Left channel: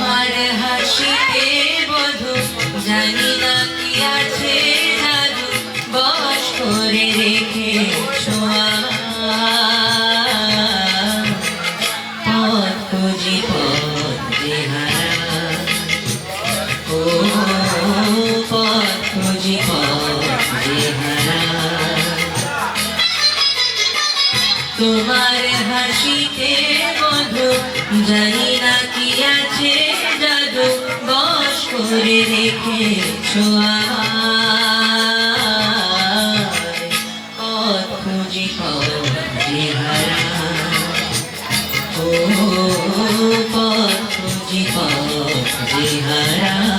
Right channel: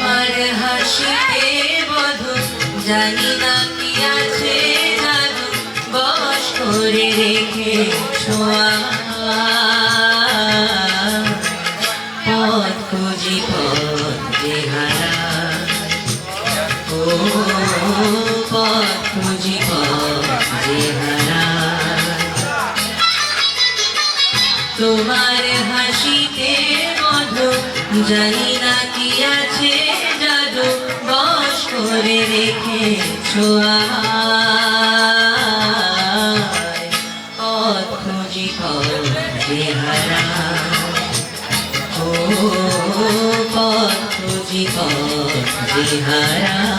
তোমার হাসিতে বধু, জানি না কি আছে জাদু বস করে রেখে ও, পথ তোমার হাসিতে মধু জানি করে রেখে পথ খুঁজি পথে হারা ও পথ খুঁজি পথে হারা।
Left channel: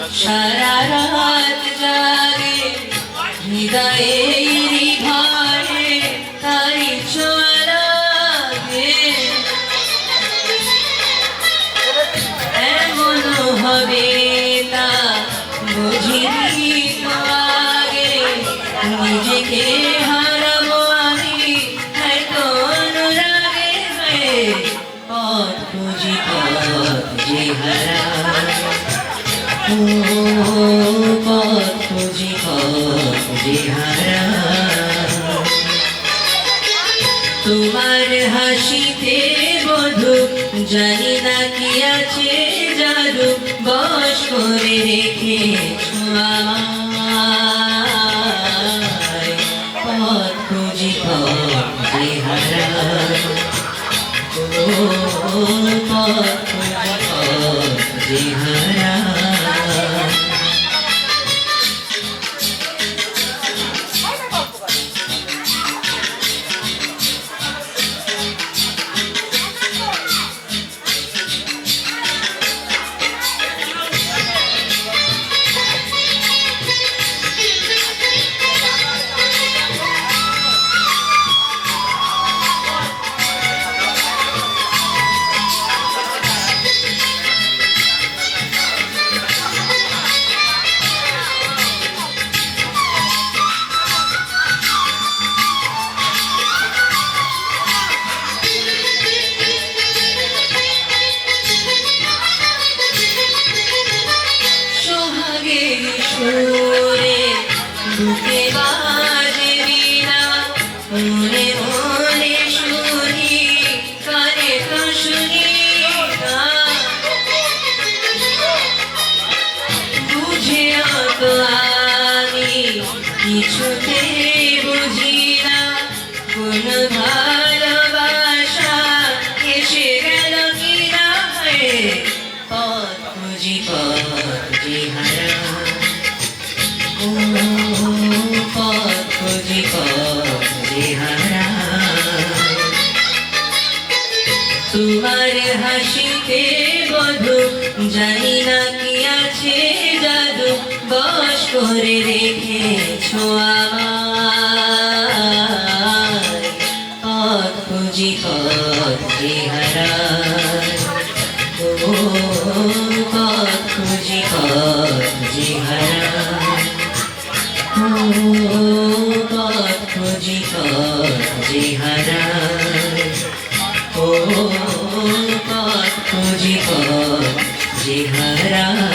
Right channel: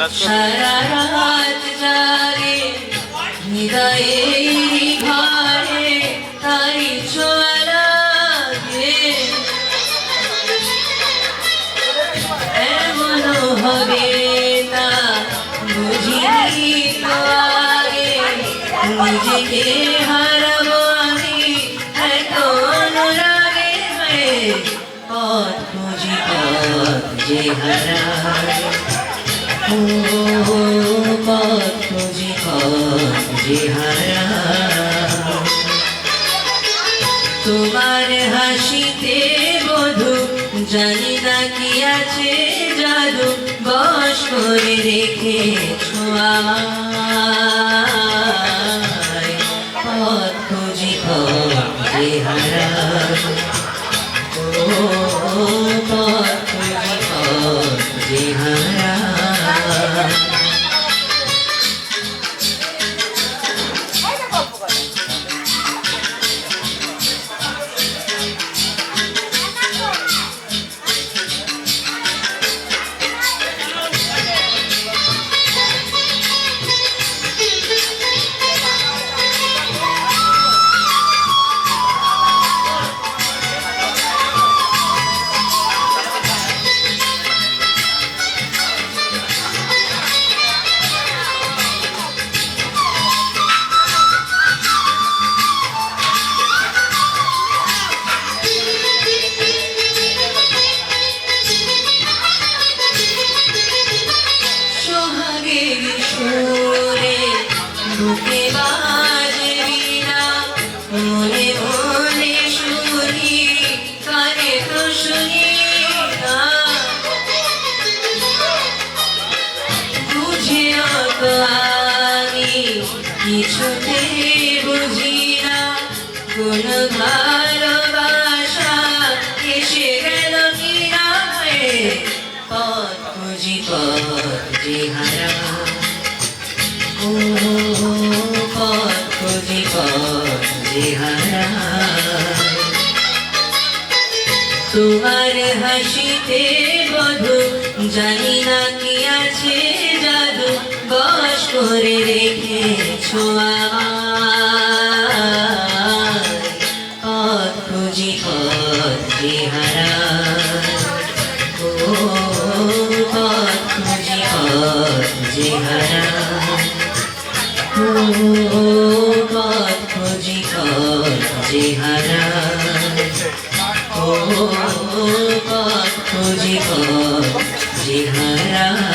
সারা রাত জাগে হৃদয়ের ঘরে তারি ছোঁয়া লাগে এমন হবে তা বুঝিনি তো নিজেকে হারাবো আমি এত অনুরাগে হয়ে পথ খুঁজি পথ তোমার হাসিতে বধু জানি না কি আছে জাদু বস করে রেখে পথ love. সুরে বুকে বাজে মনে মনে শুনি কানে তো শুনি না। বুঝে আমি বুঝি না। কোন ভালোবাসা এসে গেল কি না হয়ে পথ খুঁজি পথে হারা তোমার হাসিতে বধু, জানি না কি আছে জাদু বস করে রেখেছো আমায়। পথ খুঁজি, পথে হারায় ও, পথ খুঁজি পথ খুঁজি পথে হারায় ও পথ খুঁজি হারায়